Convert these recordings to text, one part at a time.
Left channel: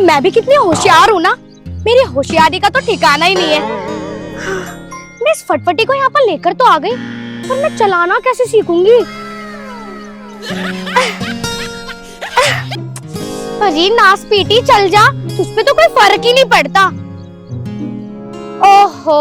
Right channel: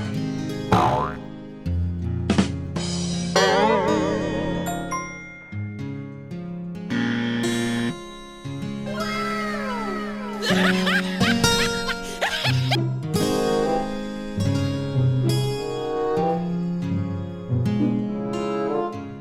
मैं भी कितनी होशियार हूँ ना, मेरी होशियारी का तो ठिकाना ही नहीं है। मैं इस फटफटी को यहाँ पर लेकर तो आ गई, पर मैं चलाना कैसे सीखूंगी? अरे नास पीटी चल जा, उसपे तो कोई फर्क ही नहीं पड़ता। ओहो,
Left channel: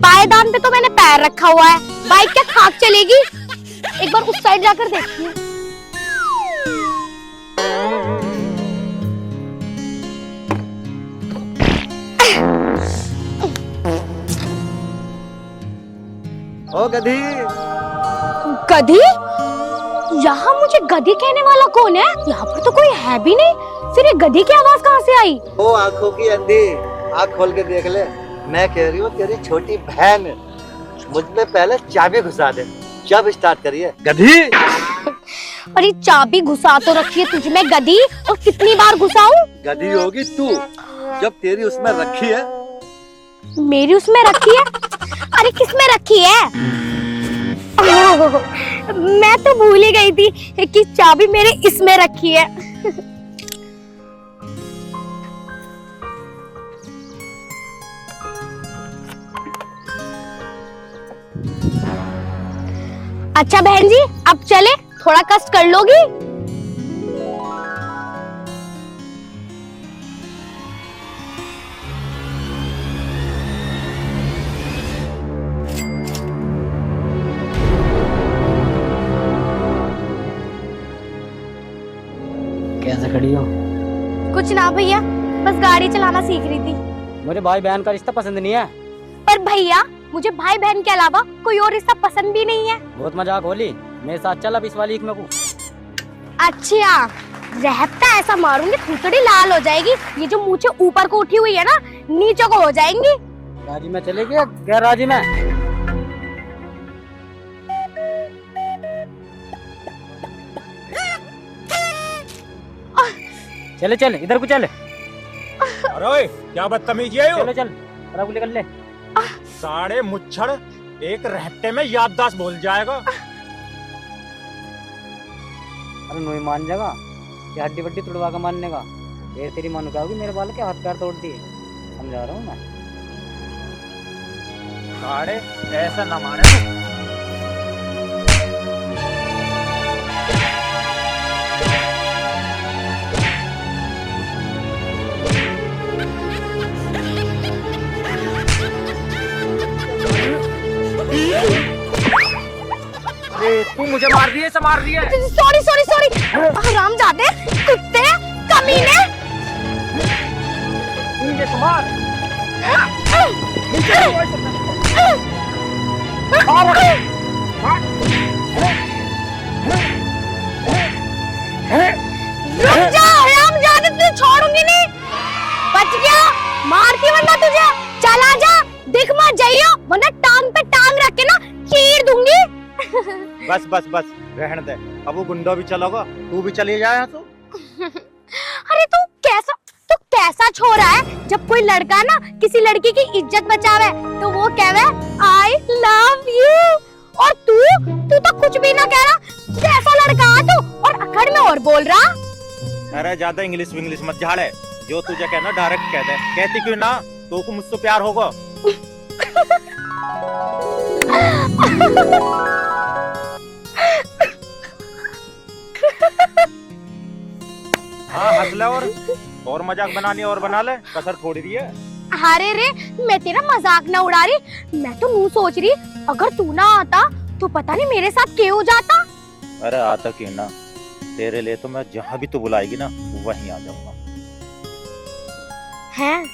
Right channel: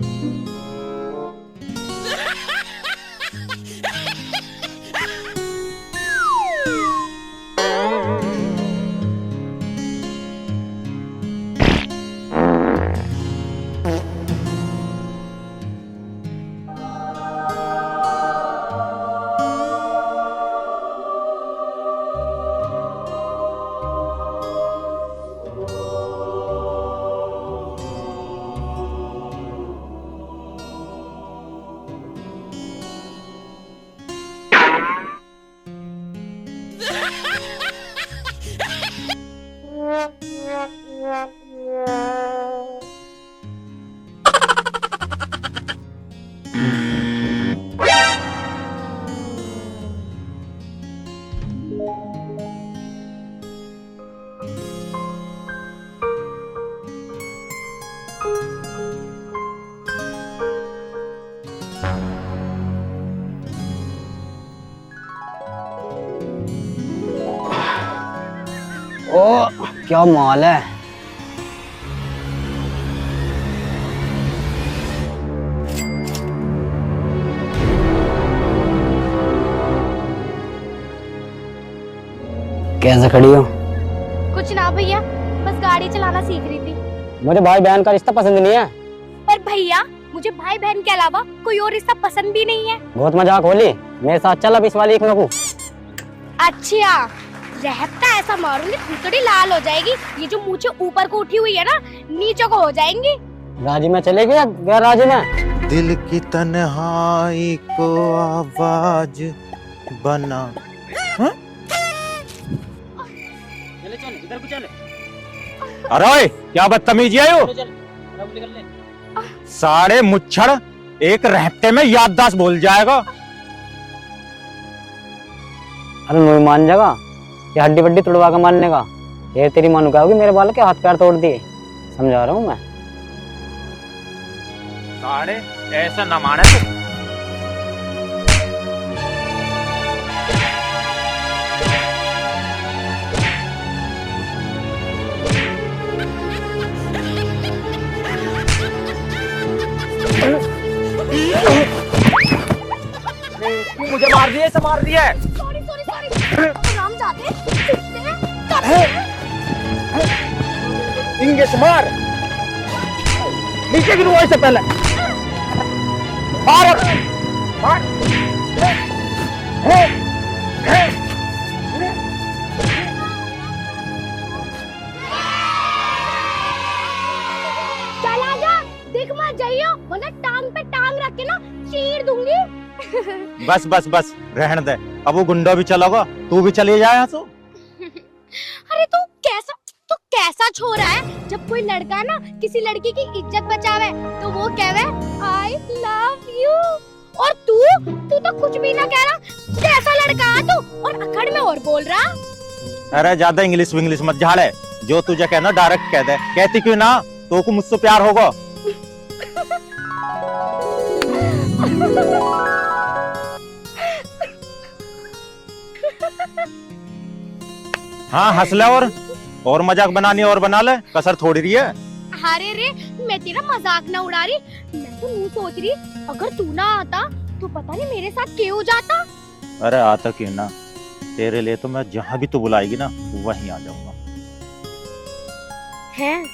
पायदान पे तो मैंने पैर रखा हुआ है, बाइक क्या खाक चलेगी? एक बार उस साइड जाकर देखती हूँ। ओ गधी। गधी? यहाँ मुझे गधी कहने वाला कौन है? यहाँ पर तो कोई है भी नहीं, फिर ये गधी की आवाज कहाँ से आई? ओ आंखों की अंधी, आंख खोल के देख ले। मैं कह रही हूँ तेरी छोटी बहन मुझ पे पहले चाबी घुसा दे, जब स्टार्ट करिए गधी। अरे चाबी घुसा तो रखी है तुझ में गधी, और कितनी बार घुसाऊं? गधी होगी तू, जब तेरी उसमें रखी है। मेरी उसमें रखी है? अरे किसमें रखी है? मैं तो भूल ही गई थी कि चाबी मेरे इसमें रखी है। अच्छा बहन जी, अब चले, थोड़ा कष्ट कर लोगी? ओ क्या माल है। कैसे खड़ी हो? कुछ ना भैया, बस गाड़ी चलाना सीख रही थी। मुझे भाई बहन का रिश्ता पसंद नहीं है। पर भैया, मुझे भाई बहन के अलावा कोई और रिश्ता पसंद भी नहीं है। बहुत मजाक होली, मेरे साथ चल अब इस वाली एक में। अच्छा, रहता ऐसा मारूंगी थोड़ी लाल हो जाएगी। ये जो मूछें ऊपर को उठी हुई है ना, नीचे को हो जाएंगी। राजी में चलेगी या गैर राजी में? दिल की तन्हाई को आवाज बना। चले चल, इधर को चल। अरे ओए, क्या बदतमीजी है यो? चल, निकल ले। सारे मुच्छड़ एक रहते में याददाश्त भूल जाएगा। अरे नहीं मान जाएगा, ये हड्डी वड्डी तोड़वा के मानने का। ये तेरी मानू क्या होगी, मेरे बाल के हाथ पैर तोड़ दिए, समझा रहा हूँ मैं। सारे ऐसा न माने तू। तू मुझे मार दिया, ऐसा मार दिया है। सॉरी सॉरी सॉरी, हरामजादे, कुत्ते, कमीने। इंगे से मार। इससे पहले रुक जा, हरामजादे, तुझे छोड़ूंगी नहीं। बच गया, मारती वरना तुझे। चल आजा, दिख मत जाइयो, वरना टांग पे टांग रख के ना चीर दूंगी। बस बस बस, रहने दे। अब वो गुंडा भी चलोगा, तू भी चली जाए तो। अरे तू कैसा छोरा है, जब कोई लड़का ना किसी लड़की की इज्जत बचावे तो वो कहवे आई लव यू, और तू तो कुछ भी ना कह रहा। कैसा लड़का है तू, और अखड़ में और बोल रहा। अरे ज्यादा इंग्लिश विंग्लिश मत झाड़े, जो तुझे कहना डायरेक्ट कह दे। कहती क्यों ना, तो को मुझसे प्यार होगा। हाँ हंस ले, और मजाक बनानी और बना ले, कसर थोड़ी रही है। अरे रे, मैं तेरा मजाक ना उड़ा रही, मैं तो यूं सोच रही, अगर तू ना आता तो पता नहीं मेरे साथ क्या हो जाता। अरे आता क्यों ना, तेरे लिए तो मैं जहाँ भी तू बुलाएगी ना वहीं आ जाऊंगा। हैं?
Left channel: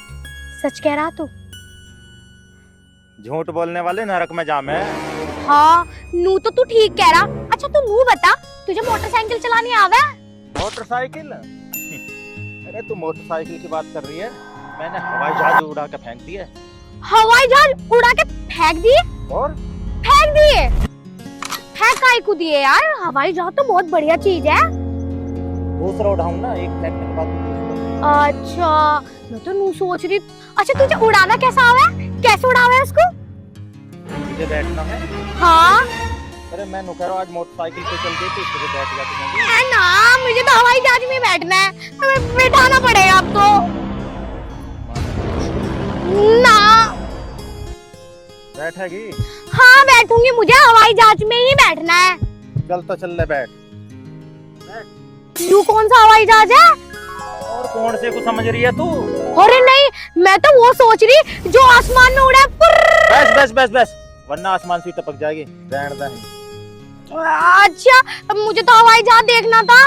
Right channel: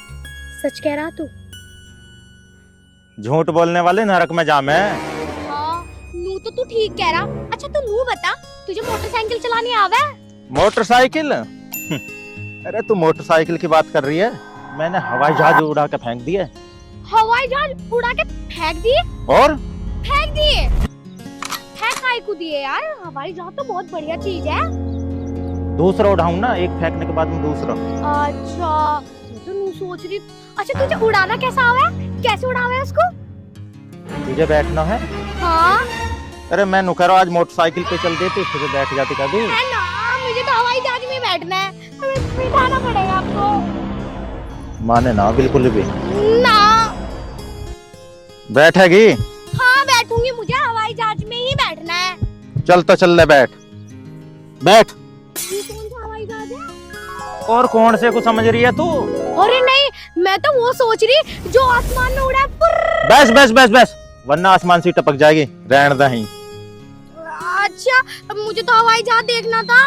सच कह रहा तू? झूठ बोलने वाले नरक में जा मैं। हाँ, नू तो तू ठीक कह रहा। अच्छा तू नू बता, तुझे मोटरसाइकिल चलानी आवे? मोटरसाइकिल? अरे तू मोटरसाइकिल की बात कर रही है, मैंने हवाई जहाज उड़ा के फेंक दिए। हवाई जहाज उड़ा के फेंक दिए? और फेंक दिए? फेंक काहे को दिए यार, हवाई जहाज तो बहुत बढ़िया चीज है। दूसरा उड़ाऊं ना, एक फेंकने के बाद में दूसरा। अच्छा, मैं तो नू सोच रही। अच्छा तुझे उड़ाना कैसा आवे, कैसे उड़ावे उसको? तुझे बैठना है? हाँ। अरे मैं कह रहा आज मोटरसाइकिल पे चल देती, तुझे बैठ जाती कभी। ना, मुझे तो हवाई जहाज में बैठना है। हमें बिठाना पड़ेगा अब तो। माने ना बिल्कुल भी। ना। बैठेगी? हाँ बैठूंगी, मुझे हवाई जहाज में ही बैठना है। चल तो चल ले, बैठ बैठ। तू कौन सा हवाई जहाज है? और कौन से को समझ रही है तू? अरे नहीं, मैं तो वो सोच रही जो आसमान में उड़ा। बस बस बस बस, वरना आसमान से टपक जाएगी। रहने दही। अच्छा, मुझे तो हवाई जहाज देखना था।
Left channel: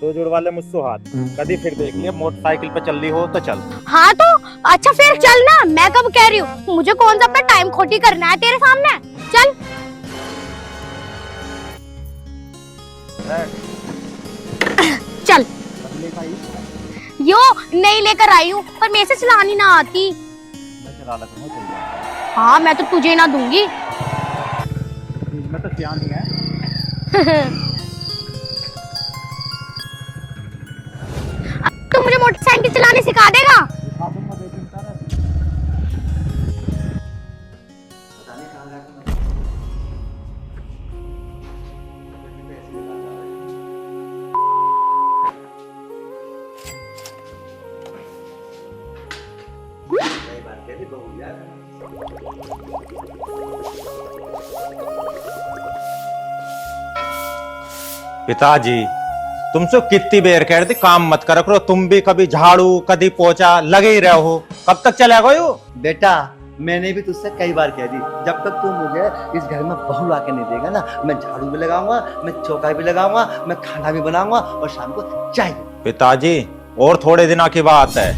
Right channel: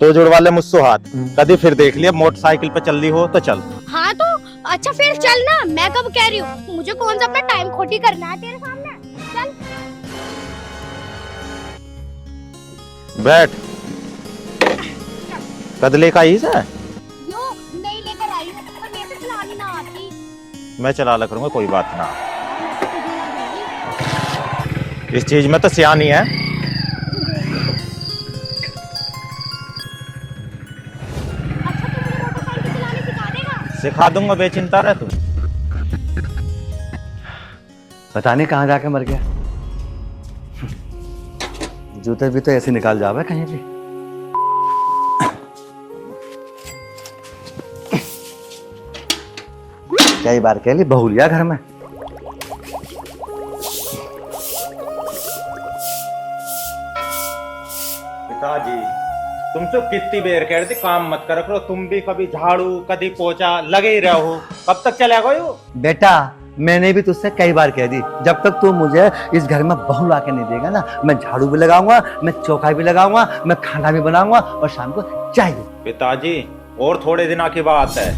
तो जुड़वा ले मुझसे हाथ। कभी फिर देख लिया मोटरसाइकिल पे चल रही हो तो चल। हाँ तो अच्छा फिर चल ना, मैं कब कह रही हूँ, मुझे कौन सा अपना टाइम खोटी करना है तेरे सामने। चल बैठ। चल। कदले का ही है? यो नहीं लेकर आई हूँ, पर मेरे से चलानी ना आती। मैं चला ला करूंगा, कोई बात नहीं। हाँ मैं तो तुझे ना दूंगी। इस चीज में तो सियानी है। तू मुझे मोटरसाइकिल चलाने सिखा देगा? सिखा दूंगा, बेचिंता रह तू। पता नहीं कहाँ जाके मर गया। जूते भी तो ऐसे निकाल जावे कहीं भी। कई बार कह ली बहू लिया घर में। पिताजी तुमसे कितनी बेर कह रहे थे काम मत करा करो, तुम भी कभी झाड़ू कभी पोछा लगे ही रहो हो। कब तक चलेगा यो? बेटा मैंने भी तुझसे कई बार कह दी, जब तक तू मुझे इस घर में बहू ला के नहीं देगा ना, मैं झाड़ू भी लगाऊंगा, मैं चौका भी लगाऊंगा, मैं खाना भी बनाऊंगा और शाम को चाय भी। पिताजी और थोड़े दिनों की बात है,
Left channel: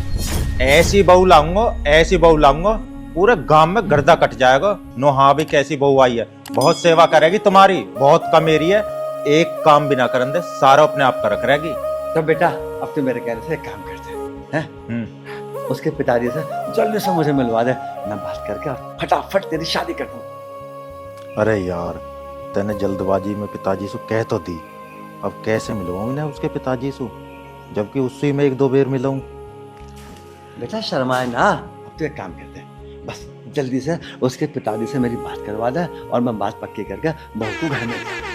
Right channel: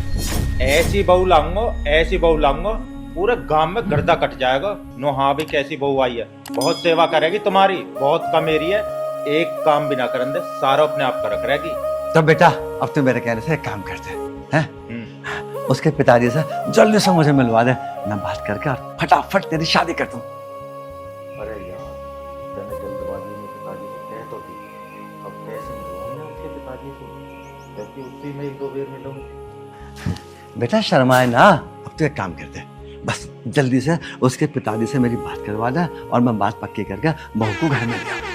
ऐसी बहू लाऊंगा, ऐसी बहू लाऊंगा, पूरे गांव में गर्दा कट जाएगा। नो हाँ भी कैसी बहू आई है, बहुत सेवा करेगी तुम्हारी, बहुत कम मेरी है, एक काम भी ना करन दे, सारा अपने आप कर करेगी। तो बेटा अब तू मेरे कहने से एक काम करते हैं, उसके पिताजी से जल्दी से मुझे मिलवा दे, मैं बात करके और फटाफट तेरी शादी कर दूं। अरे यार तेने जल्दबाजी में पिताजी से कह तो दी, अब कैसे मिलवाऊंगा उसके पिताजी से, जबकि उससे मैं एक दो बार मिलूं। बेटा शर्माए ना, अब तू एक काम करते, बस जल्दी से उसके पिताजी से मेरी बात करवा दे और मैं बात पक्की करके बहू को घर में ले आऊं।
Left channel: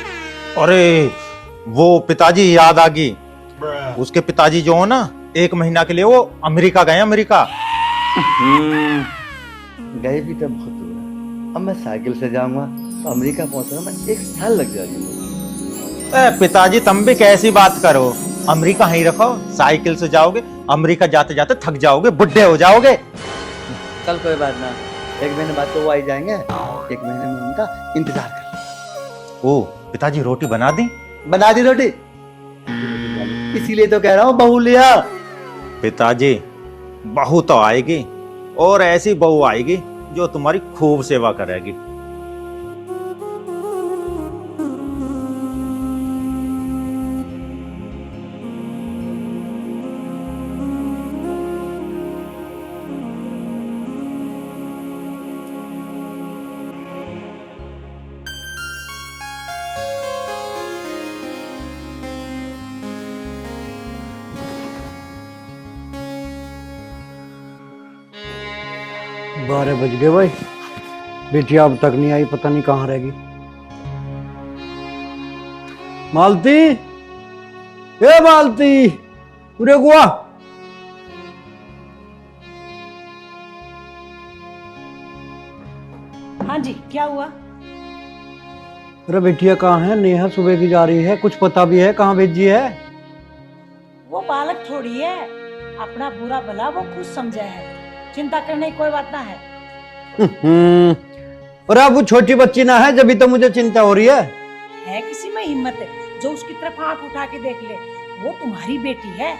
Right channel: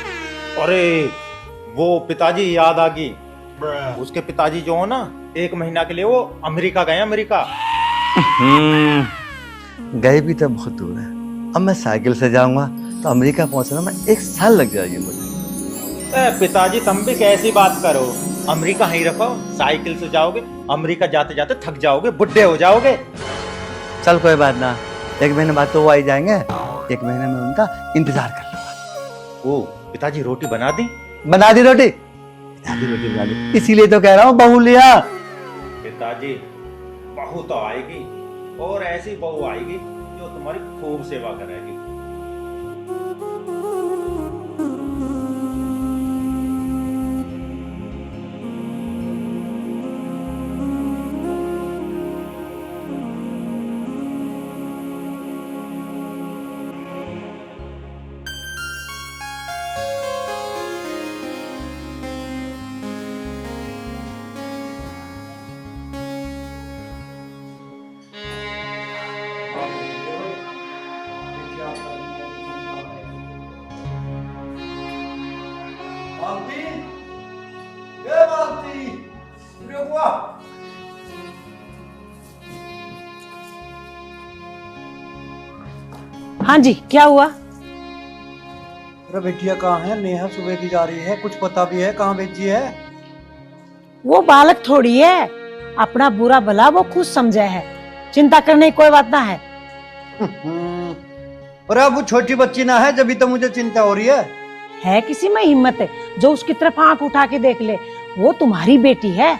अरे वो पिताजी याद आ गई, उसके पिताजी जो हो ना, 1 महीना के लिए वो अमेरिका गए। अमेरिका गए भी तो बहुत दूर है, अब मैं साइकिल से जाऊंगा तो अमेरिका पहुंचने में 1 साल लग जाएगी मुझे। पिताजी तुम भी कैसी बात करो, अमेरिका ही रखो, साइकिल से जाओगे अमेरिका, जाते जाते थक जाओगे, बुढ़े हो जाओगे। चल कोई बात ना, 1 महीने बाद तो वो आई जाएंगे, 1 महीने में उनका इंतजार कर। ओ पिताजी रोटी बना दी? बना दी रोटी, बना दी, इसीलिए तो कह रहा हूँ बहू लिया। पिताजी बहू तो आएगी, और ऐसी बहू आएगी जो तुम्हारी खूब सेवा करेगी। बारह बज गए भाई, बेटिया अब तक नहीं आई, पता नहीं कहाँ रहेगी। मालती, ए मालती, पूरे गुआ। हाँ जी, क्या हुआ? अरे बेटिया कहाँ है? नेहा सुबह की जा रही है, कुछ पता भी है कहाँ भेजी है? वो बालक थोड़ी है, अपना बुरा भला वो खुद समझा है, चिंता करने की कोई बात ना है। और अब वो छोटी बच्ची ना है, जब तो मुझे चिंता हो रही है किसी में हिम्मत है जो उसकी तरफ आंख उठा के देख ले, वो तुम्हारी बेटी है।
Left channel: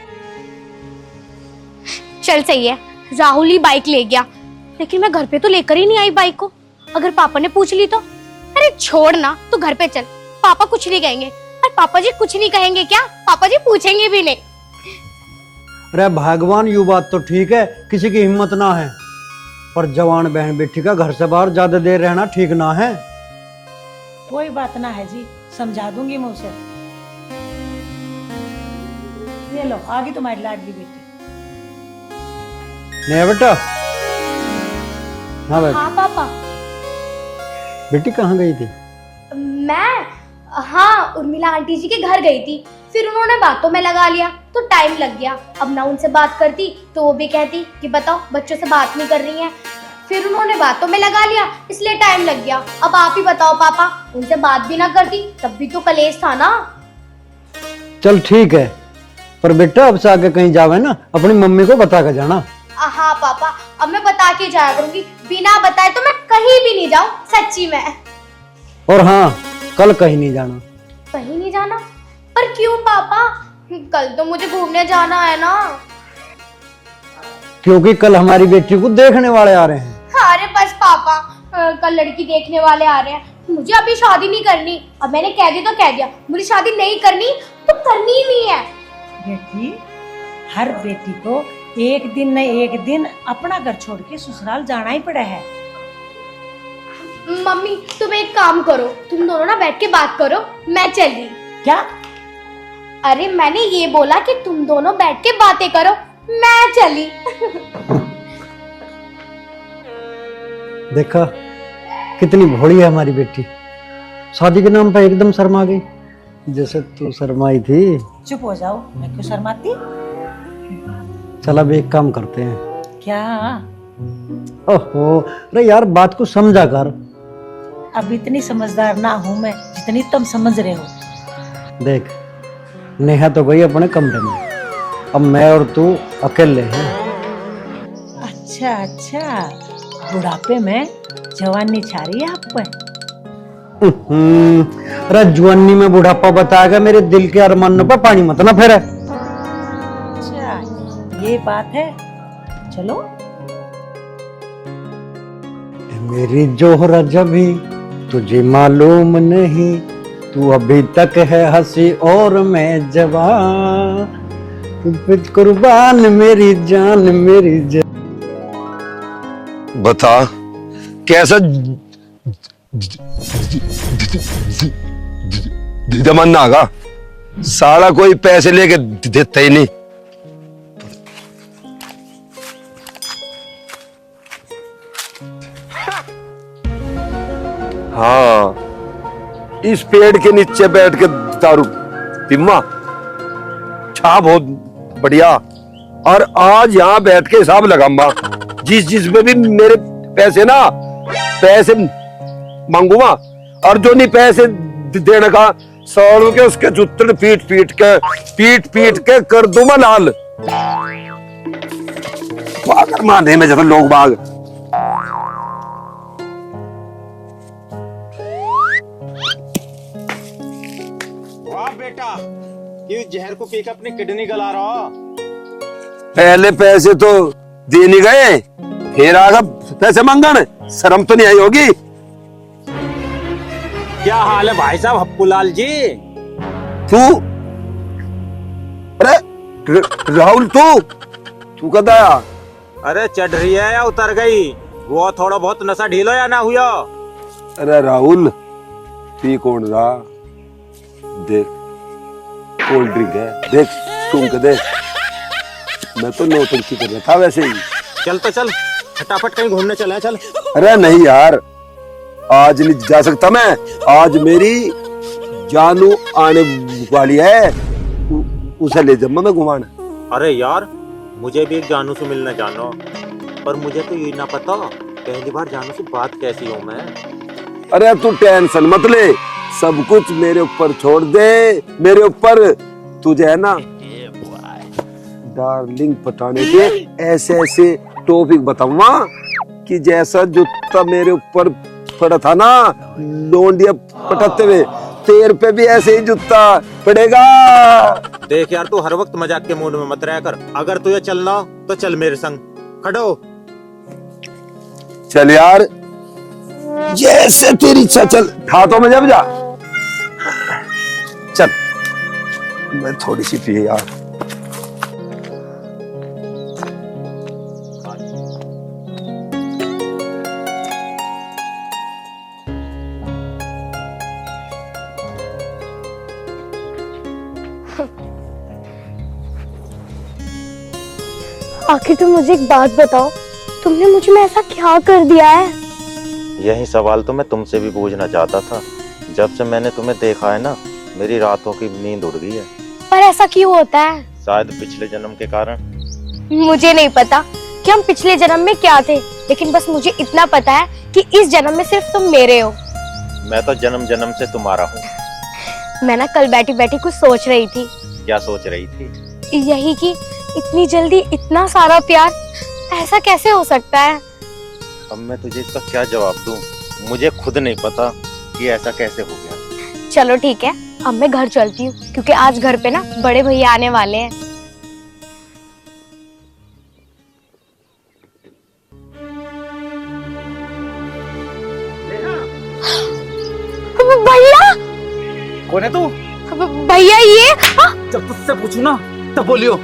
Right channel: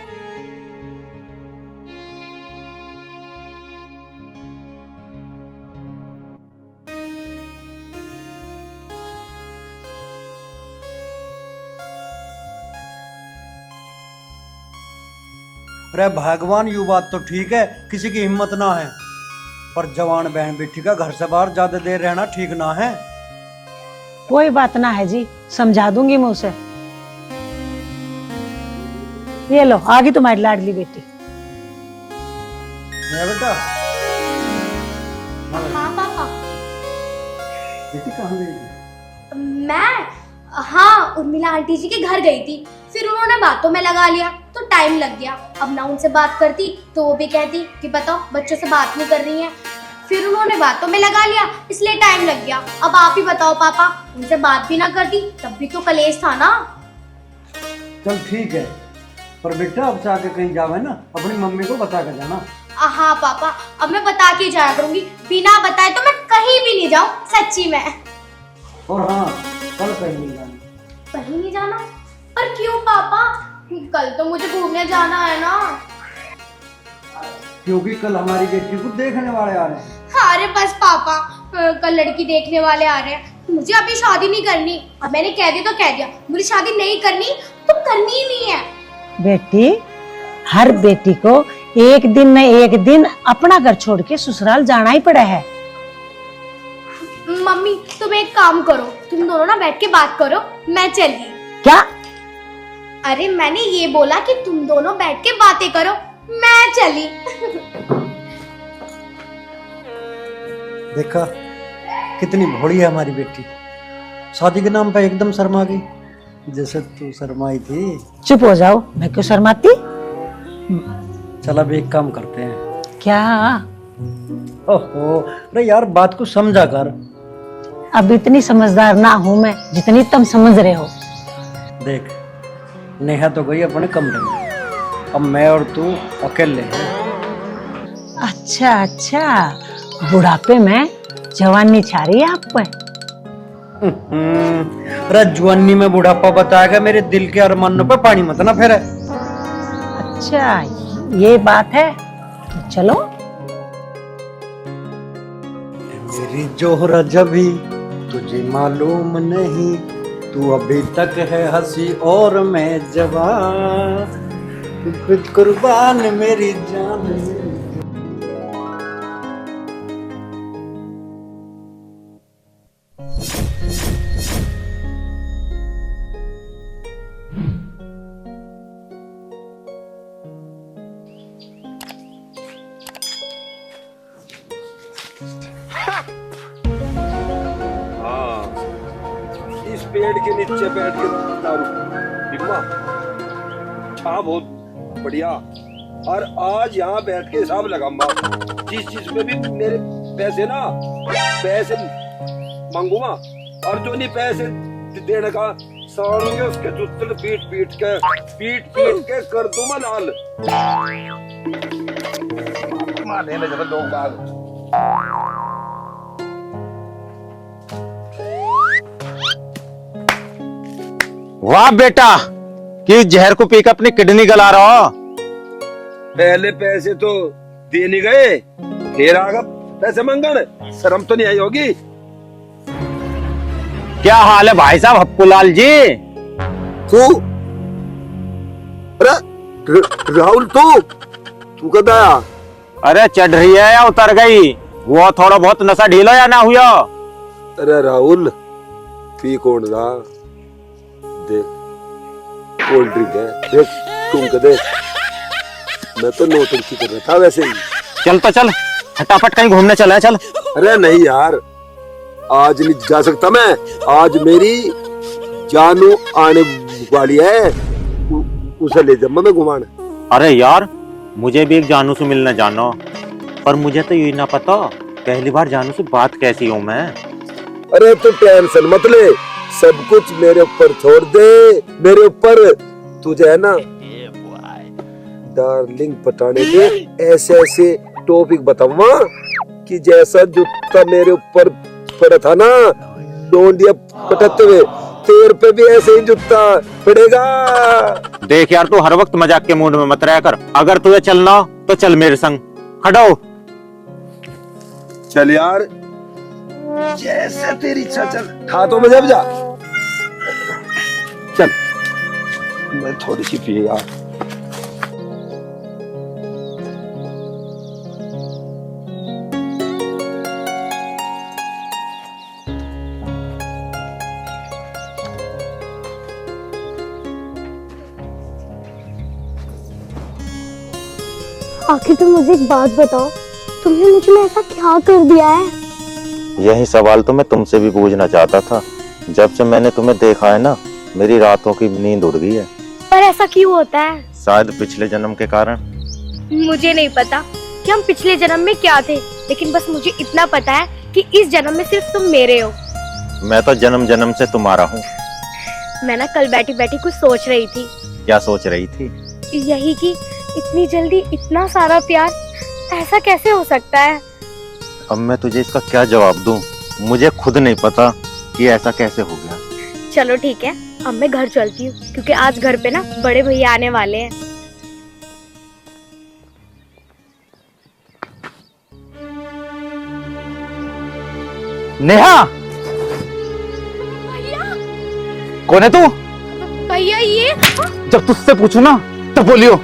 चल सही है, राहुल ही बाइक ले गया, लेकिन मैं घर पे तो लेकर ही नहीं आई बाइक को, अगर पापा ने पूछ ली तो। अरे छोड़ ना, तू घर पे चल, पापा कुछ नहीं कहेंगे। और पापा जी कुछ नहीं कहेंगे क्या? पापा जी पूछेंगे भी नहीं। अरे भगवान, यू बात तो ठीक है, किसी की हिम्मत ना है, पर जवान बहन बेटी का घर से बाहर ज्यादा देर रहना ठीक ना है। कोई बात ना है जी, समझा दूंगी मैं उसे। ये लो, आ गई तुम्हारी लाडली बेटी। नहीं बेटा। हाँ भाई। हाँ पापा। बेटी कहाँ गई थी? मैं हाँ उर्मिला आंटी जी के घर गई थी, फिर उन्होंने बातों में लगा लिया तो टाइम लग गया। अब ना उनसे बात करती तो वो भी कहती कि बताओ बच्चों से बात नहीं कर रही हैं। फिर उन्होंने बातों में लगा लिया इसलिए टाइम लग गया। अब आप ही बताओ पापा, उनसे बात भी ना करती तब भी तो कलेश था ना। चल ठीक है, पर बेटा अब से आगे कहीं जावे ना अपनी मम्मी को बता कर जाना। हाँ पापा, अब मैं बता के जाया करूंगी, बिना बताए तो मैं कहीं भी नहीं जाऊं, सच्ची में। और हाँ, कल कहीं नहीं जाना। कहीं नहीं जाना? पर क्यों पापा? कल तो मुझे घूमने जाना है ना। क्योंकि कल हमारी बेटी को देखने वाले आ रहे हैं। अरे बस पापा, कल लड़की देखने वाले आ रहे हैं, मुझे अभी शादी नहीं करनी। अब मैंने कह दिया तो कह दिया, मुझे शादी नहीं करनी तो करनी ही नहीं है। बेटी, हर बेटी को एक दिन न एक दिन अपना घर छोड़ के ससुराल जाना ही पड़ा है। मम्मी तुम एक काम करो, तुम दोनों ना बैठ के बात करो, मैं चली। क्या? अरे मैंने ये बोला कि तुम दोनों बैठ के बातें करो, मैं चली। देखा कितनी भोली है हमारी बेटी, शादी के नाम पे एकदम शर्मा गई, जैसे तू शर्माई थी। चुप हो जाओ, मैं क्यों शर्माती? चल अब एक काम करते हैं। क्या? ओहो, अरे यार बात को समझा कर। अब इतनी समझदार ना हूँ मैं जितनी तुम समझ रहे हो। देख, नेहा तो गई अपने कमरे में, अब मैं और तू अकेले हैं। अच्छा अच्छा, बुढ़ापे में जवानी छा रही है आप पे। अरे जवानी में बुढ़ापा बताएगा, मेरे दिल के अरमानों पे पानी मत ना फेरा। अच्छा ये बात है, चलो। मेरी जोहरा जभी तुझे मालूम नहीं, तू अभी तक है हंसी और मैं जवान, तू खुद कुर्बान मेरी जान मेरी जान। बता कैसा जमाना आगा, साला कोई पैसे लेके देता ही नहीं। हाँ, इस पेड़ के नीचे बैठ के दारू पिम्मा छा बहुत बढ़िया। और आज यहाँ बैठ के हिसाब लगाऊंगा, जिस में भी मेरे पैसे मांगूंगा, और जो नहीं पैसे देने का सौर के उसके जूते पीट के कर दूंगा लाल। पागल माने में जब लोग बाग। वाह बेटा, कि जहर को पीकर अपनी किडनी गला रहा हो। पहले पैसे तो दे नहीं गए, फिर आगे पैसे मांगन, शर्म तो नहीं आई होगी। क्या हाल है भाई साहब हप्पूलाल जी? तू अरे राहुल, तू कद आया? अरे चढ़ रही है या उतर गई? वो थोड़ा बहुत नशा ढीला या ना हुआ? अरे राहुल, पी कौन सा? देख कोल्ड ड्रिंक है, देख तुम कदे। मैं तो नौटंकी कर रहा था वैसे ही। चल तो चल, फटाफट कहीं घूमने चले चल। अरे नहीं यार, आज नहीं जा सकता मैं, आज मेरी जानू आने वाली है, उसे ले जाऊंगा मैं घुमाने। अरे यार, मुझे भी एक जानू से मिलना जानो, पर मुझे तो ये ना पता पहली बार जानू से बात कैसी हूँ मैं। अरे तू टेंशन मत ले, सब कुछ मेरे ऊपर छोड़ दे, मेरे ऊपर। तुझे है ना डार्लिंग पटाने के ऐसे ऐसे टॉपिक बताऊंगा कि जैसा जूता मेरे ऊपर पड़ा था ना लोंडिया पटाते हुए, तेरे पे भी ऐसे ही जूता पड़ेगा। देख यार, तू हर वक्त मजाक के मूड में मत रहा कर। अगर तुझे चलना हो तो चल मेरे संग, खड़ा हो। चल यार, जैसे तेरी इच्छा, चल हाथों में जब जा। चल, मैं थोड़ी सी पिए यार। आखिर तुम मुझे एक बात बताओ, तुमने मुझ में ऐसा क्या कर दिया है? यही सवाल तो मैं तुमसे भी पूछना चाहता था। जब से मैंने तुम्हें देखा है ना, मेरी रातों की नींद उड़ गई है। पर ऐसा क्यों होता है? शायद पिछले जन्म के कारण। मुझे नहीं पता कि हम पिछले जन्म में क्या थे, लेकिन बस मुझे इतना पता है कि इस जन्म में सिर्फ तुम मेरे हो। मैं तो जन्म जन्म से तुम्हारा हूँ। मैं ना कल बैठी बैठी कुछ सोच रही थी। क्या सोच रही थी? यही कि इतनी जल्दी इतना सारा प्यार ऐसा कैसे हो सकता है। अब मैं तुझे इसका क्या जवाब दूं? मुझे खुद नहीं पता कि ऐसा कैसे हो गया। चलो ठीक है, अब मैं घर चलती हूँ क्योंकि आज घर पे ना बड़े भैया आने वाले हैं। नेहा, भैया, कौन है तू? भैया ये जब तुझसे पूछू ना तब बोलियो।